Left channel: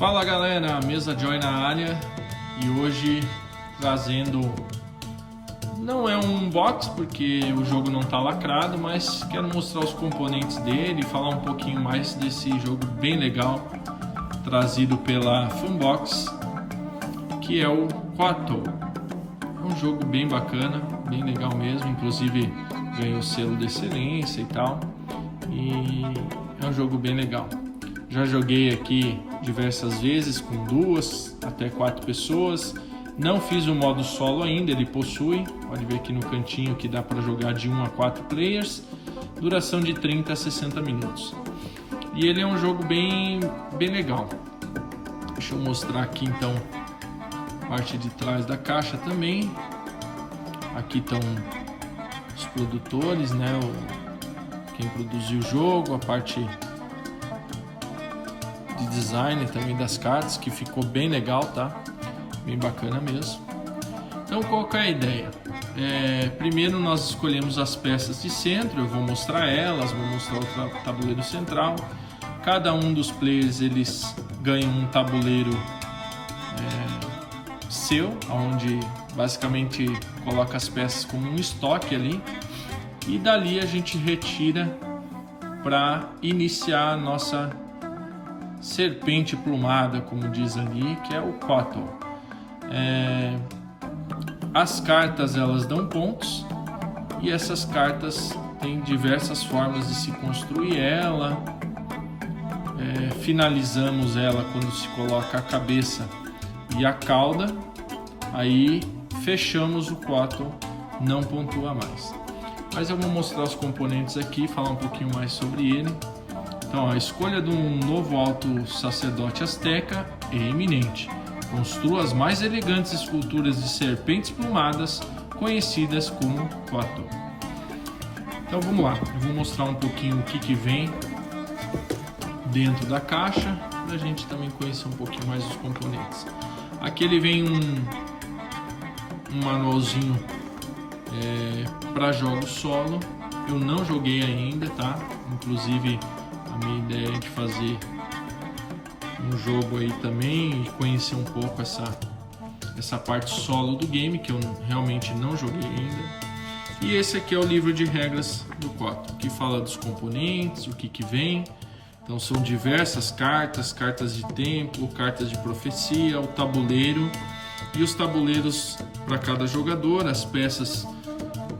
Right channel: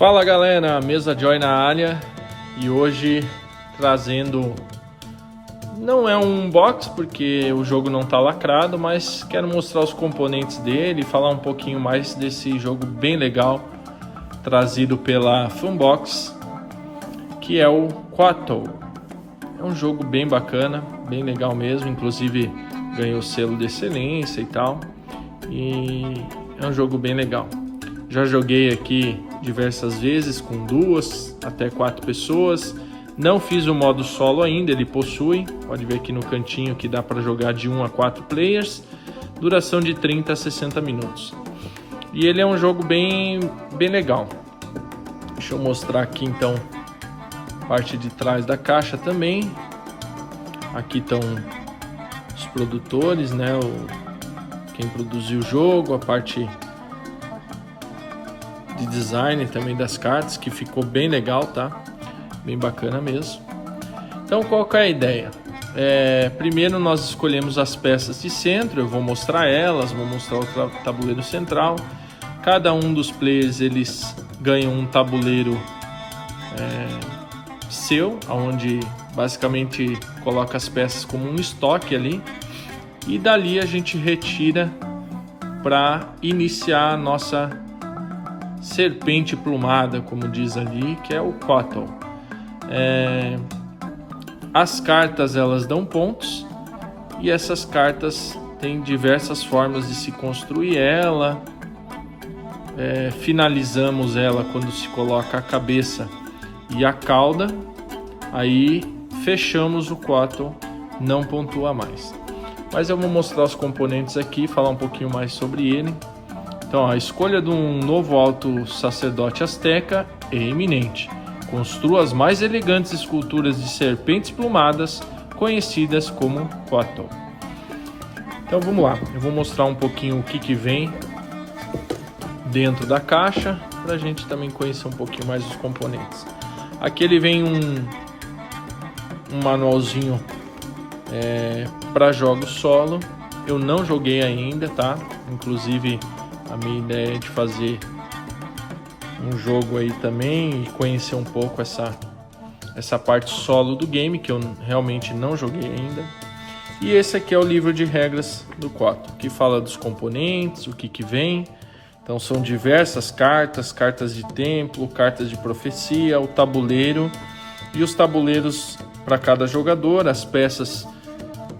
Fala galera, Mesa Joy na área e hoje trazendo, não é um unbox porque o jogo não está lacrado, mas quero mostrar os componentes dele e falar um pouquinho mais desse jogo bem legal trazido pela Funbox, que é o Quattle. É um jogo bem bacana, bem legal mesmo, inclusive ganhou o selo de excelência e tal, e é um jogo bem legal. Já joguei aqui diversas vezes com 2 até 4 pessoas. Não fiz o modo solo ainda, ele possui. Pode ver aqui no cantinho que dá para jogar de 1 a 4 players. Duração de 30 a 60 minutos. E ele é um jogo bem legal. Deixa eu mostrar aqui então a parte de trás da caixa também. Aqui estão os produtores, né? Quem produziu o jogo, a parte de design também das cartas, que ficou bem legal, tá? Bem bacana mesmo. Então, qual que é a ideia? Primeiro nós escolhemos as peças de centro, eu vou mostrar elas, vou mostrar o tabuleiro central. Cada um dos players, eles ganham um tabuleiro seu, onde basicamente coloca as peças como um estoque ali. E dali a gente retira para iniciar a nossa serpente plumada, como diz ali, que é o Quattle. As cartas, elas dão pontos, e essas cartas têm diversas formas de se construir ela. Finalizamos ela quando se coloca a cabeça e a cauda, aí fechamos o Quattle, não pontua mais. Mas eu vou mostrar os componentes aqui, falar um pouquinho mais sobre ele. Então, a escolha de um novo alto sacerdote azteca é iminente. Construa as mais elegantes esculturas de serpentes plumadas, conhecidas como Quattle. Então, vamos lá. Eu vou mostrar um pouquinho o que vem dentro da caixa, para a gente também conhecer um pouquinho mais os componentes. Aqui ele vem um manualzinho para jogos solo. Eu não joguei ainda, tá? Inclusive, a minha ideia é de fazer um jogo aí também e conhecer um pouco essa parte solo do game, que eu realmente não joguei ainda. E esse aqui é o livro de regras do Quattle, que fala dos componentes, o que vem. Então são diversas cartas, cartas de templo, cartas de profecia, o tabuleiro e os tabuleiros para cada jogador, as peças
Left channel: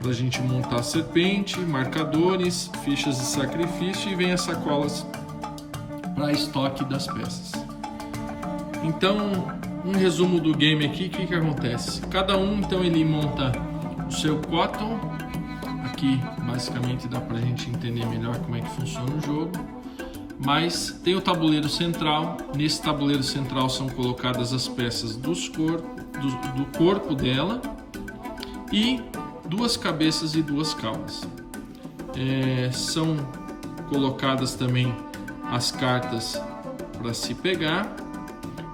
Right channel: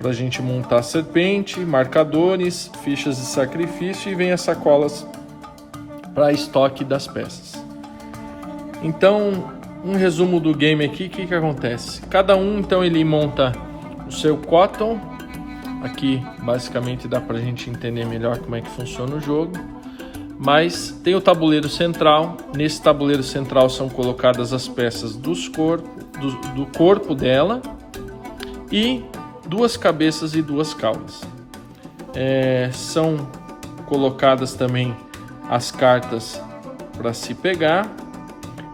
para a gente montar a serpente, marcadores, fichas de sacrifício, e vem as sacolas para estoque das peças. Então, um resumo do game aqui, o que acontece? Cada um, então, ele monta o seu Quattle. Aqui, basicamente, dá para a gente entender melhor como é que funciona o jogo. Mas tem o tabuleiro central. Nesse tabuleiro central são colocadas as peças do corpo dela e 2 cabeças e 2 caudas. São colocadas também as cartas para se pegar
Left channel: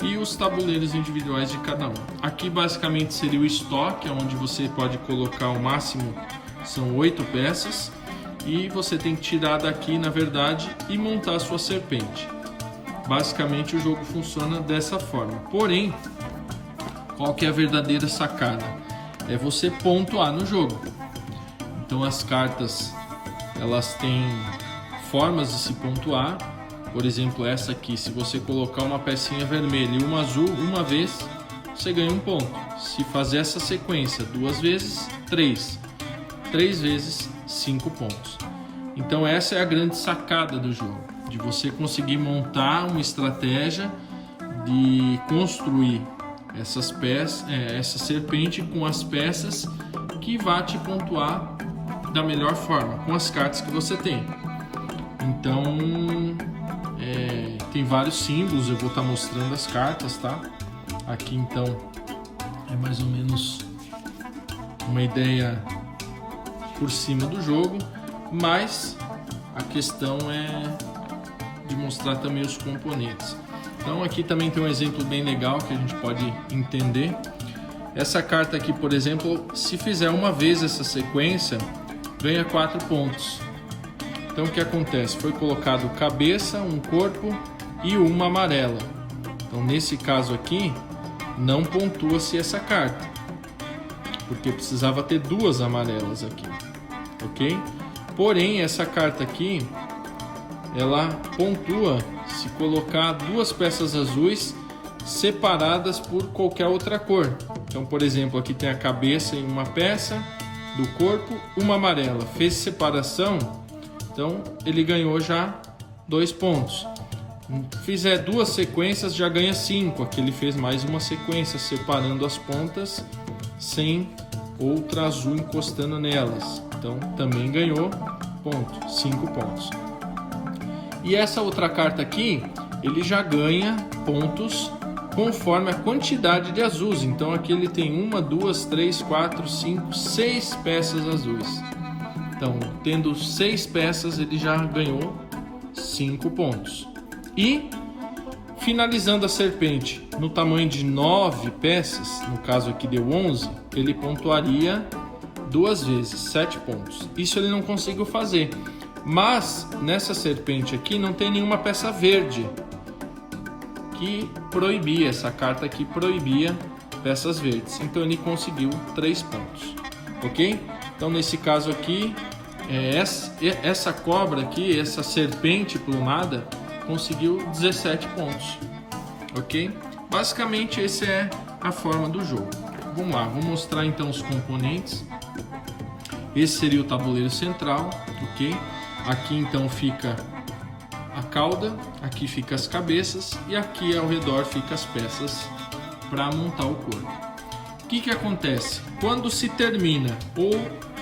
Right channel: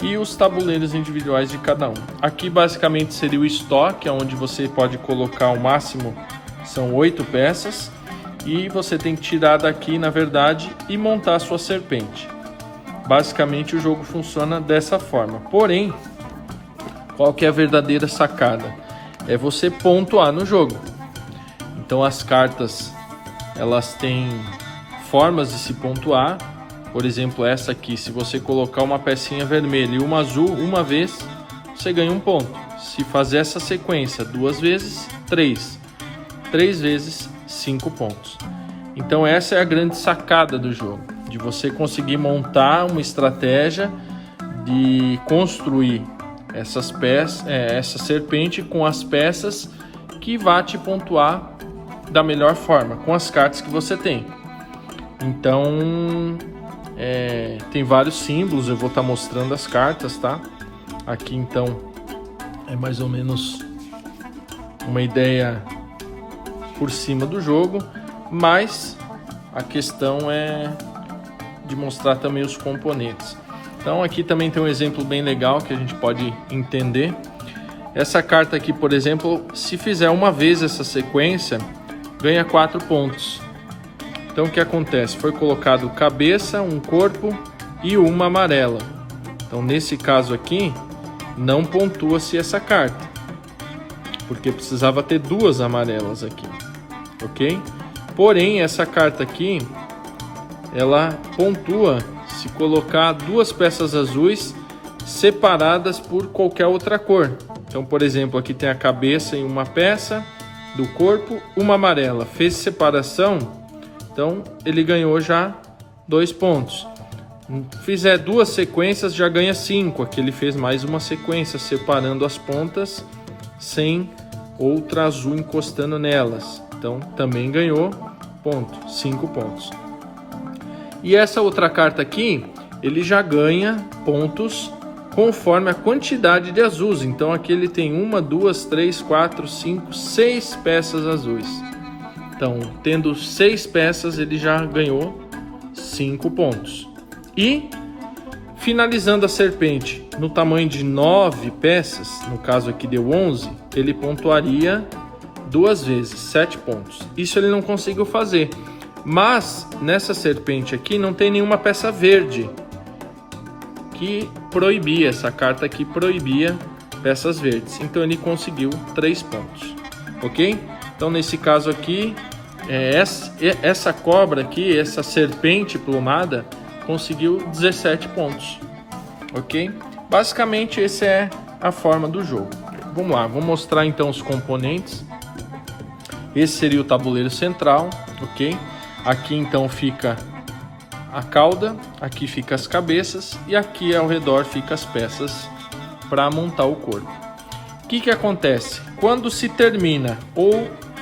e os tabuleiros individuais de cada um. Aqui basicamente seria o estoque, onde você pode colocar o máximo, são 8 peças, e você tem que tirar daqui, na verdade, e montar a sua serpente. Basicamente o jogo funciona dessa forma. Porém, qual que é a verdadeira sacada? É você pontuar no jogo. Então as cartas, elas têm formas de se pontuar. Por exemplo, essa aqui, se você colocar uma pecinha vermelha e uma azul uma vez, você ganha 1 ponto. Se fazer essa sequência 2 vezes, 3 vezes, 5 pontos. Então essa é a grande sacada do jogo, de você conseguir montar uma estratégia de construir essas peças, essa serpente com as peças que vai te pontuar da melhor forma, com as cartas que você tem. Então, tem vários símbolos, eu vou estar mostrando as cartas, tá? Aqui então é mais ou menos uma ideia por cima do jogo, mas a questão é de mostrar também os componentes. Então aqui também tem um exemplo bem legal que a gente pode entender. Essa carta aqui, por exemplo, se fizer uma vez essa sequência, ganha 4 pontos. Então o que acontece? Foi colocado cabeça, um corpo e uma amarela. Então, nesse caso aqui, não pontua-se essa carta, porque precisava ter duas amarelas aqui, ok? Porém, essa carta aqui, ela pontua se colocar duas peças azuis separadas por qualquer outra cor. Então, por exemplo, aqui tem a cabeça em uma peça do corpo, uma amarela. Fez separação, então ele ganhou já 2 pontos. Fizer duas sequências, já ganha 5. Aqui ele fez mais uma sequência, separando as pontas sem outra azul encostando nelas. Então, também ganhou 5 pontos. E essa outra carta aqui, ele já ganha pontos conforme a quantidade de azuis. Então aqui ele tem 1, 2, 3, 4, 5, 6 peças azuis. Então, tendo 6 peças, ele já ganhou 5 pontos. E finalizando a serpente no tamanho de 9 peças, no caso aqui deu 11, ele pontuaria 2 vezes, 7 pontos. Isso ele não conseguiu fazer. Mas nessa serpente aqui não tem nenhuma peça verde, que proibia, essa carta aqui proibia peças verdes. Então ele conseguiu 3 pontos, ok? Então nesse caso aqui, essa cobra aqui, essa serpente plumada, conseguiu 17 pontos, ok? Basicamente essa é a forma do jogo. Vamos lá, vou mostrar então os componentes. Esse seria o tabuleiro central, ok? Aqui então fica a cauda, aqui fica as cabeças e aqui ao redor fica as peças para montar o corpo. O que acontece? Quando se termina ou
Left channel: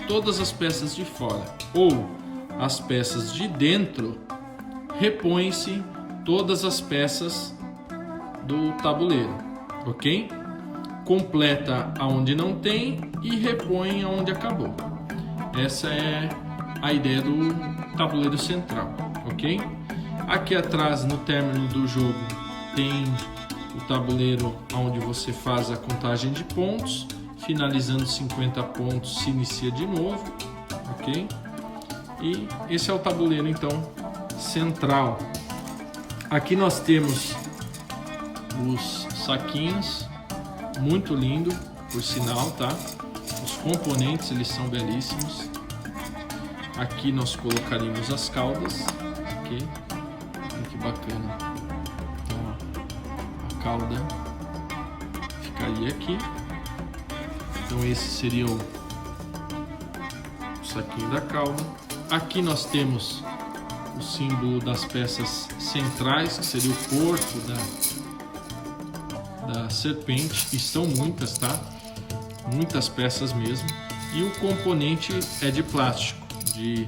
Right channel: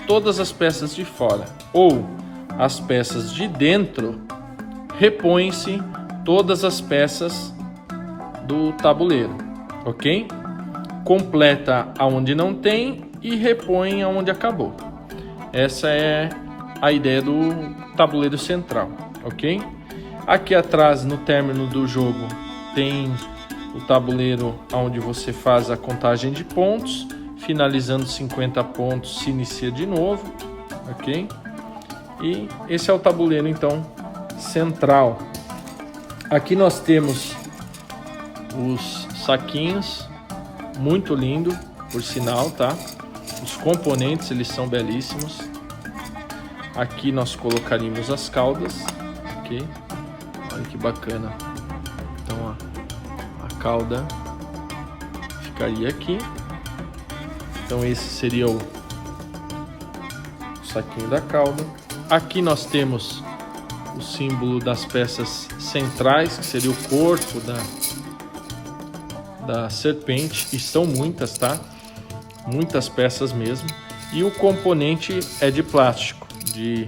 todas as peças de fora ou as peças de dentro, repõe-se todas as peças do tabuleiro, ok? Completa aonde não tem e repõe aonde acabou. Essa é a ideia do tabuleiro central, ok? Aqui atrás, no término do jogo, tem o tabuleiro onde você faz a contagem de pontos. Finalizando 50 pontos, se inicia de novo, ok? E esse é o tabuleiro, então, central. Aqui nós temos os saquinhos, muito lindo, por sinal, tá? Os componentes, eles são belíssimos. Aqui nós colocaríamos as caudas, ok? Olha que bacana. Então a cauda ficaria aqui. Então esse seria o saquinho da cauda. Aqui nós temos o símbolo das peças centrais, que seria o corpo da serpente, e são muitas, tá? Muitas peças mesmo. E o componente é de plástico, de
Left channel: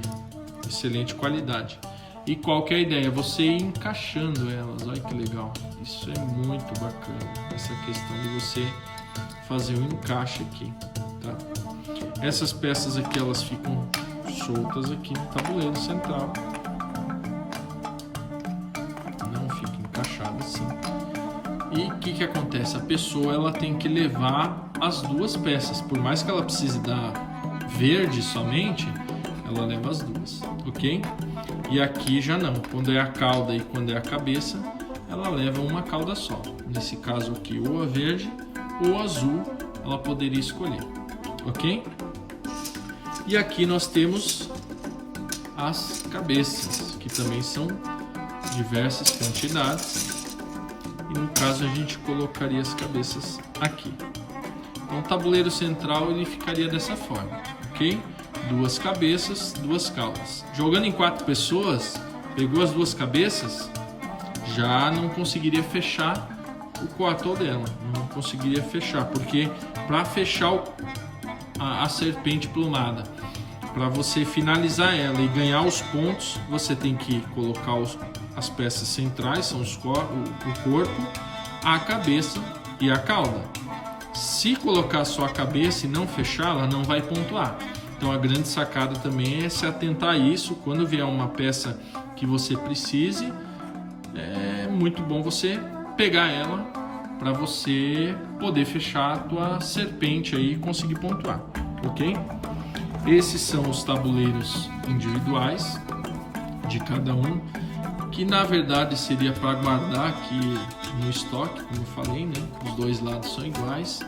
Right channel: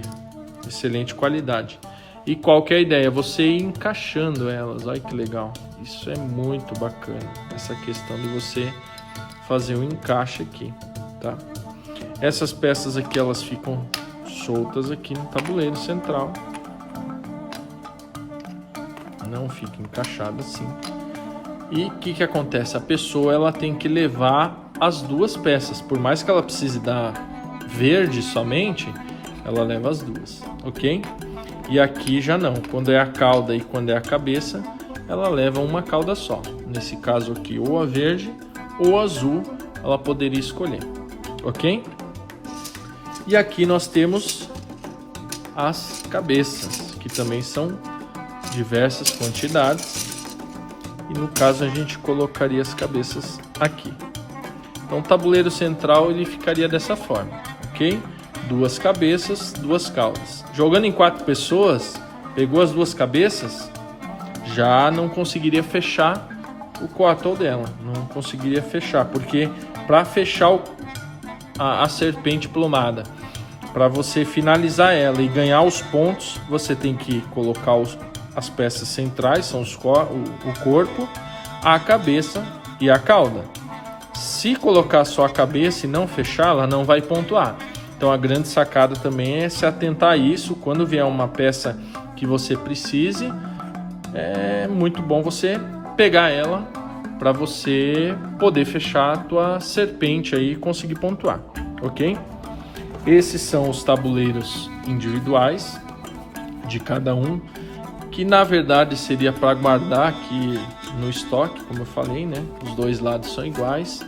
excelente qualidade. E qual que é a ideia? Você ir encaixando elas. Olha que legal. Isso é muito bacana. Essa questão de você fazer um encaixe aqui, tá? Essas peças aqui, elas ficam soltas aqui no tabuleiro central. Não fica encaixado assim. E o que acontece? A pessoa, ela tem que levar as duas peças. Por mais que ela precise da verde somente, ela leva as duas, ok? E aqui já não, quando é a cauda e quando é a cabeça, ela leva uma cauda só. Nesse caso aqui, ou a verde ou a azul, ela poderia escolher, ok? E aqui nós temos as cabeças, que também são diversas quantidades. E no caso a gente colocaria as cabeças aqui. Então o tabuleiro central ele ficaria dessa forma, ok? 2 cabeças, 2 caudas. Jogando em 4 pessoas, pegou as 2 cabeças, já não conseguiria fechar o quatro dela. Não conseguiria fechar, porque para fechar a serpente plumada, para você finalizar ela e ganhar os pontos, você tem que colocar as peças centrais, são o corpo, a cabeça e a cauda. Se colocar só a cabeça e não fechar, ela não vai pontuar. Então a grande sacada também é se atentar a isso. Quando vier uma peça que você precise, é muito bom você pegar ela para você poder fechar a tua serpente aí e conseguir pontuar, ok? Esses são os tabuleiros individuais de cada um, que na verdade seria para guardar aqui no estoque, como eu falei, né? Os dois lados são iguais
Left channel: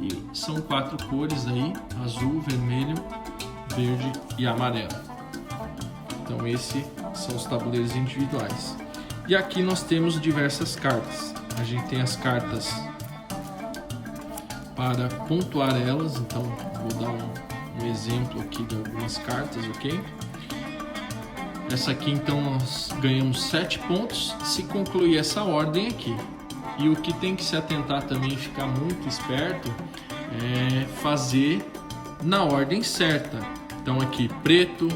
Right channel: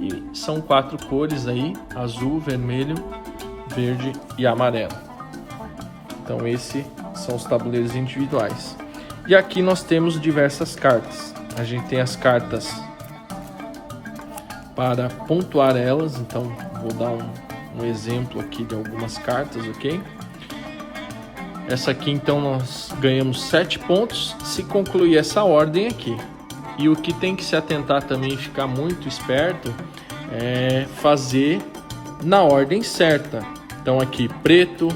e são 4 cores aí: azul, vermelho, verde e amarelo. Então esses são os tabuleiros individuais. E aqui nós temos diversas cartas. A gente tem as cartas para pontuar elas, então vou dar um exemplo aqui de algumas cartas, ok? Essa aqui então nós ganhamos 7 pontos se concluir essa ordem aqui. E o que tem que se atentar também, ficar muito esperto, é fazer na ordem certa. Então aqui preto,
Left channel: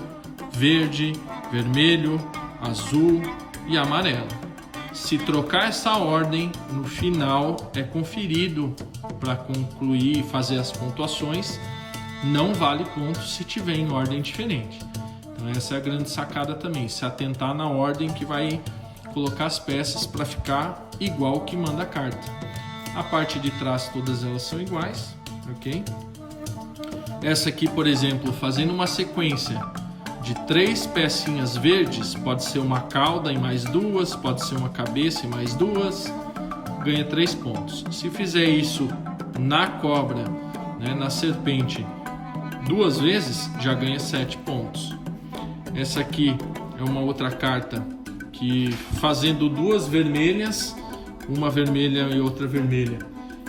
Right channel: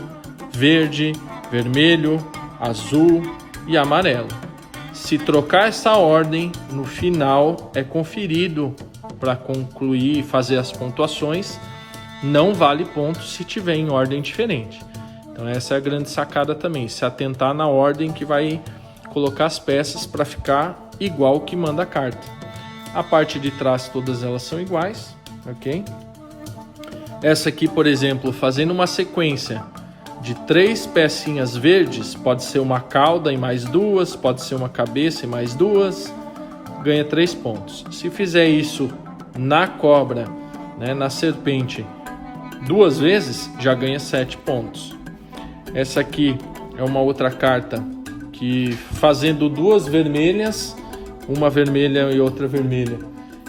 verde, vermelho, azul e amarelo. Se trocar essa ordem, no final é conferido para concluir e fazer as pontuações. Não vale ponto se tiver em ordem diferente. Então essa é a grande sacada também, se atentar na ordem que vai colocar as peças para ficar igual que manda a carta. A parte de trás todas elas são iguais, ok? Essa aqui, por exemplo, fazendo uma sequência de 3 pecinhas verdes, pode ser uma cauda e mais 2, pode ser uma cabeça e mais 2, ganha 3 pontos. Se fizer isso na cobra, né, na serpente, 2 vezes, já ganha 7 pontos. Essa aqui é uma outra carta que, fazendo 2 vermelhas, uma vermelha e outra vermelha,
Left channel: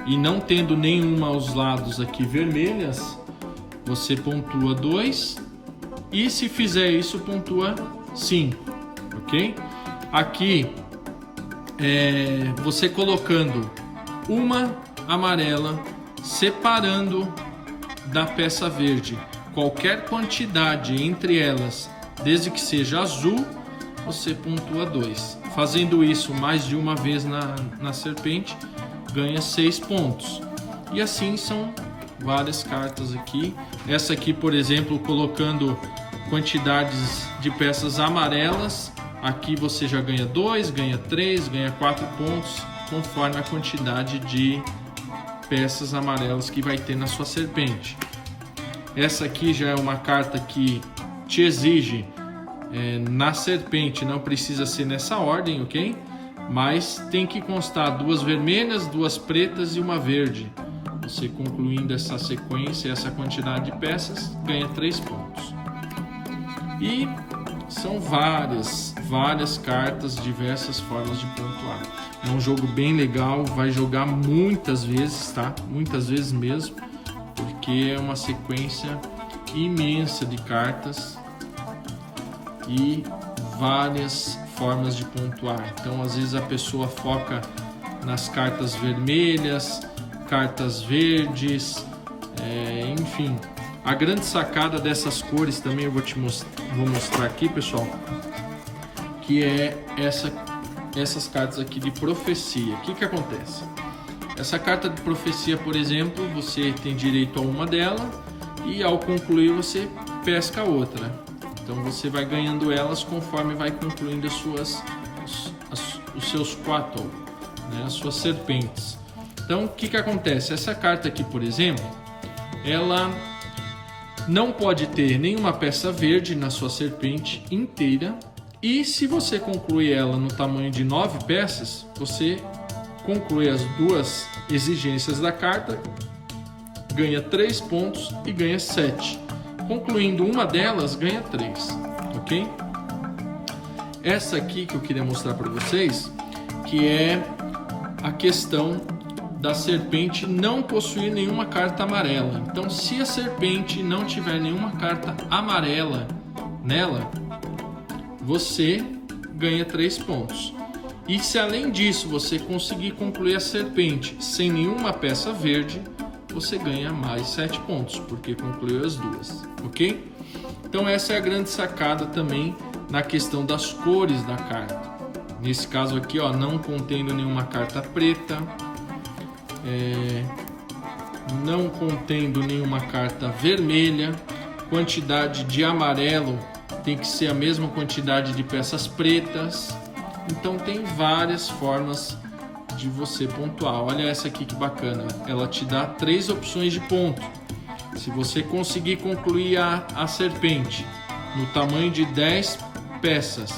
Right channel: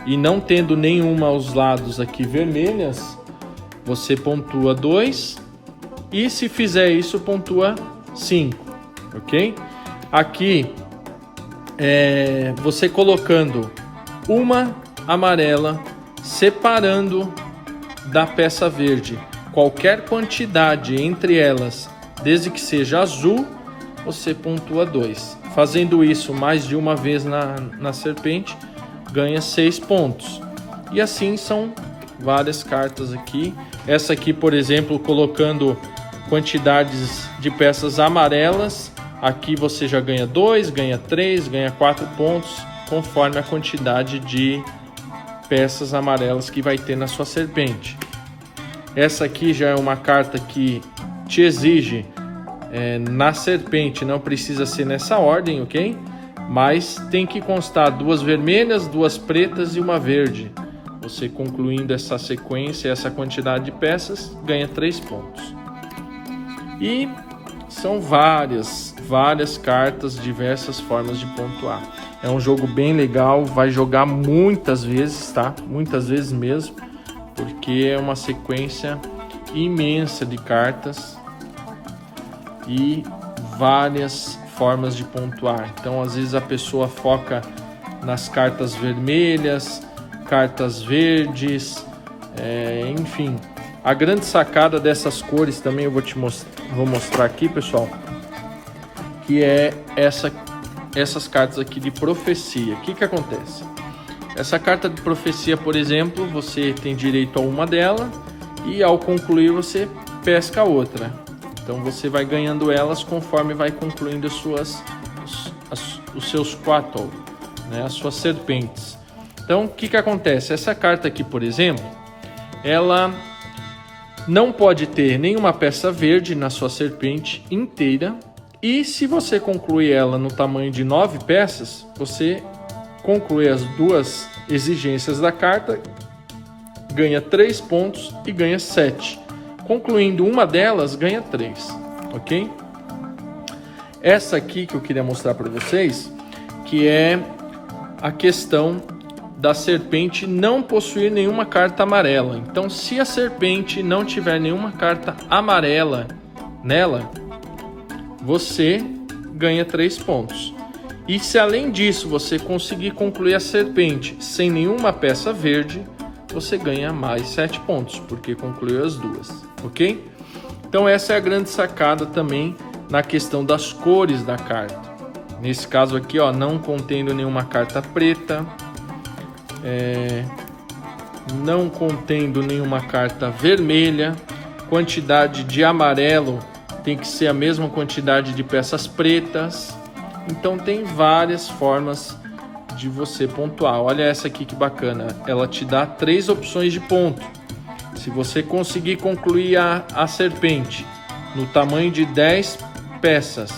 e não tendo nenhuma aos lados aqui vermelhas, você pontua 2, e se fizer isso, pontua 5, ok? Aqui, você colocando uma amarela, separando da peça verde qualquer quantidade entre elas, desde que seja azul, você pontua 2. Fazendo isso mais de uma vez na serpente, ganha 6 pontos. E assim são várias cartas aqui. Essa aqui, por exemplo, colocando quantidades de peças amarelas, aqui você já ganha 2, ganha 3, ganha 4 pontos, conforme a quantidade de peças amarelas que vai ter na sua serpente. Essa aqui já é uma carta que te exige na serpente, não precisa ser nessa ordem, ok? Mas tem que constar 2 vermelhas, 2 pretas e uma verde. Você concluindo essa sequência, essa quantidade de peças, ganha 3 pontos. E são várias cartas, diversas formas de pontuar. É um jogo bem legal, vai jogar muitas vezes, tá? Muitas vezes mesmo, porque é uma sequência imensa de cartas e várias formas de pontuar. Então, às vezes a pessoa foca nas cartas vermelhas, cartas verdes, enfim. A grande sacada dessas cores também eu vou mostrar aqui, pessoal, que é essas cartas aqui de profecia. O que acontece? Essa carta de profecia, por exemplo, você tem direito a uma dela e ao concluir você pesca a outra. Então você vai ganhando elas conforme vai concluindo os seus quatro, né, as suas serpentes. Então o que acontece? Essa carta aqui, por exemplo, ela não pode ter nenhuma peça verde na sua serpente inteira, e se você concluir ela no tamanho de 9 peças, você conclui as 2 exigências da carta, ganha 3 pontos e ganha 7. Concluindo uma delas, ganha 3, ok? Essa aqui que eu queria mostrar para vocês, que é a questão da serpente não possuir nenhuma carta amarela. Então, se a serpente não tiver nenhuma carta amarela nela, você ganha 3 pontos. E se além disso você conseguir concluir a serpente sem nenhuma peça verde, você ganha mais 7 pontos, porque concluiu as 2, ok? Então essa é a grande sacada também na questão das cores da carta. Nesse caso aqui, ó, não contendo nenhuma carta preta, não contendo nenhuma carta vermelha, quantidade de amarelo tem que ser a mesma quantidade de peças pretas. Então tem várias formas de você pontuar. Olha essa aqui que bacana, ela te dá 3 opções de ponto. Se você conseguir concluir a serpente no tamanho de 10 peças,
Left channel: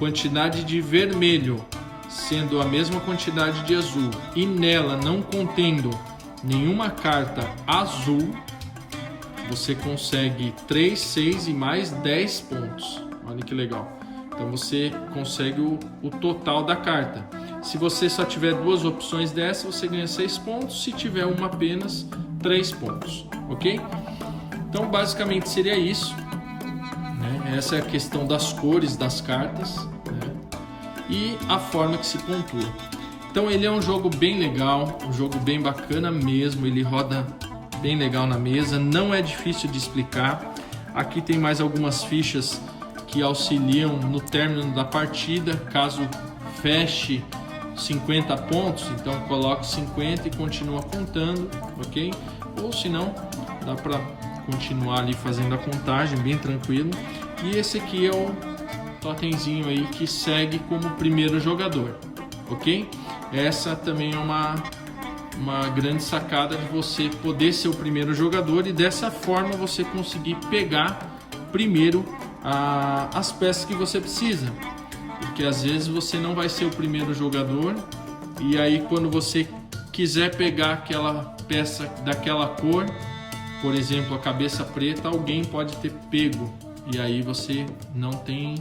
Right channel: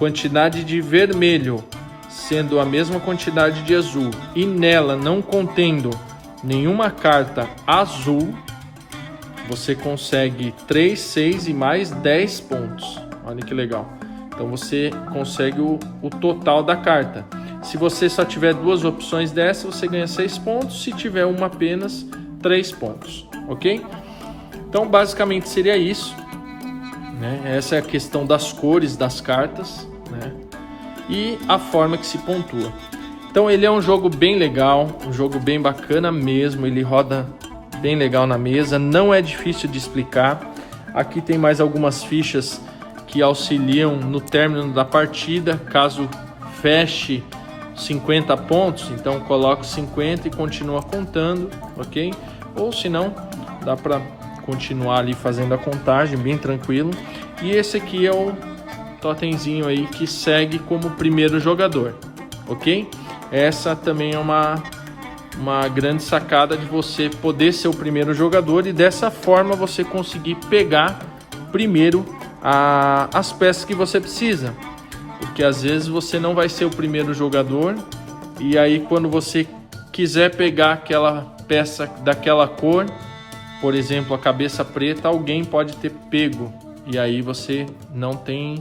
quantidade de vermelho sendo a mesma quantidade de azul e nela não contendo nenhuma carta azul, você consegue 3, 6 e mais 10 pontos. Olha que legal. Então você consegue o total da carta. Se você só tiver duas opções dessa, você ganha 6 pontos. Se tiver uma apenas, 3 pontos. Ok? Então basicamente seria isso, né? Essa é a questão das cores das cartas, né? E a forma que se pontua. Então ele é um jogo bem legal, um jogo bem bacana mesmo. Ele roda bem legal na mesa, não é difícil de explicar. Aqui tem mais algumas fichas que auxiliam no término da partida, caso feche 50 pontos, então coloca 50 e continua contando, ok? Ou se não, dá para continuar ali fazendo a contagem bem tranquilo. E esse aqui é o totemzinho aí que segue como primeiro jogador, ok? Essa também é uma grande sacada de você poder ser o primeiro jogador e dessa forma você conseguir pegar primeiro as peças que você precisa, porque às vezes você não vai ser o primeiro jogador e aí quando você quiser pegar aquela peça daquela cor, por exemplo a cabeça preta, alguém pode ter pego e aí você não tem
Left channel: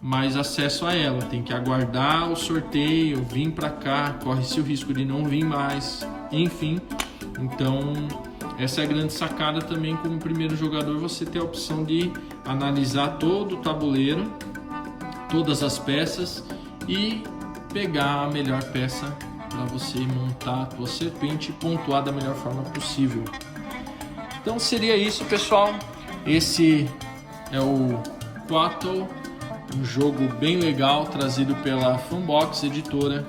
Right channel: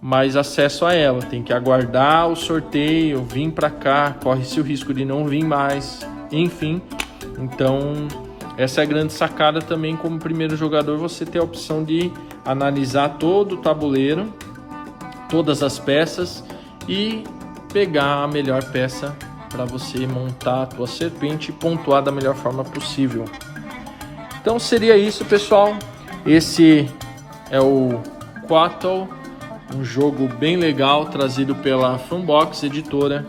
mais acesso a ela, tem que aguardar o sorteio, vir para cá, corre-se o risco de não vir mais, enfim. Então essa é a grande sacada também como primeiro jogador, você ter a opção de analisar todo o tabuleiro, todas as peças e pegar a melhor peça para você montar a tua serpente e pontuar da melhor forma possível. Então seria isso, pessoal. Esse é o Quattle, um jogo bem legal trazido pela Funbox editora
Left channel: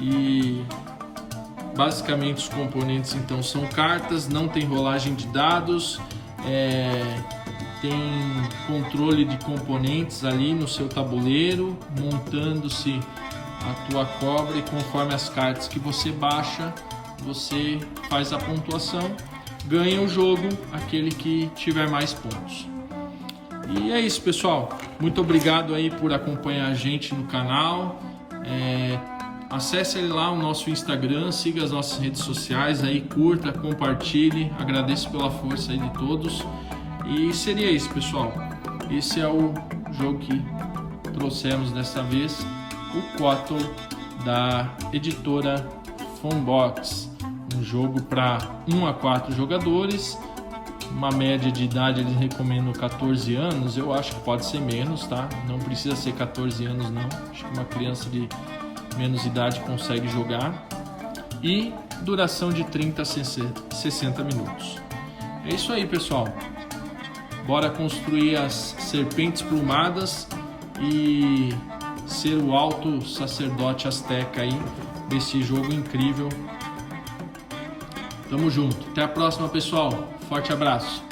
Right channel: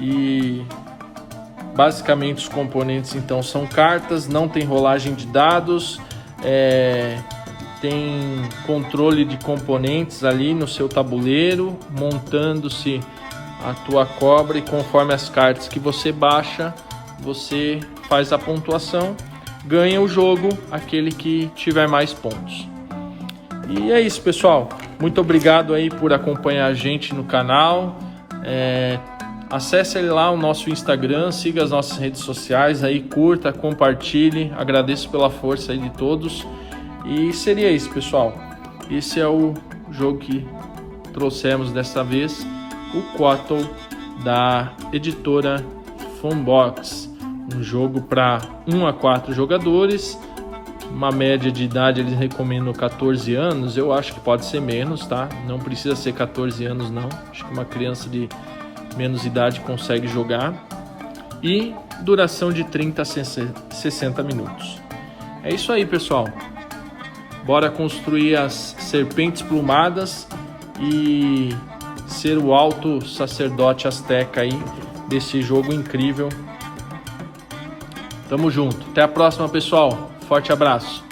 e basicamente os componentes então são cartas, não tem rolagem de dados, tem controle de componentes ali no seu tabuleiro, montando-se a tua cobra e conforme as cartas que você baixa, você faz a pontuação, ganha o jogo aquele que tiver mais pontos. E é isso, pessoal. Muito obrigado aí por acompanhar a gente no canal. Acesse lá o nosso Instagram, siga as nossas redes sociais aí, curta, compartilhe. Agradeço pela força aí de todos. E seria isso, pessoal. Esse é o jogo que trouxemos dessa vez, o Quattle da editora Funbox. Um jogo para 1 a 4 jogadores. Uma média de idade eles recomendam 14 anos, eu acho que pode ser menos, tá? Não precisa ser 14 anos não, acho que uma criança de menos idade consegue jogar. E duração de 30 a 60 minutos. É isso aí, pessoal. Bora construir as serpentes plumadas e ser o alto sacerdote asteca aí desse jogo incrível. Tamo junto. Até a próxima, pessoal. Forte abraço.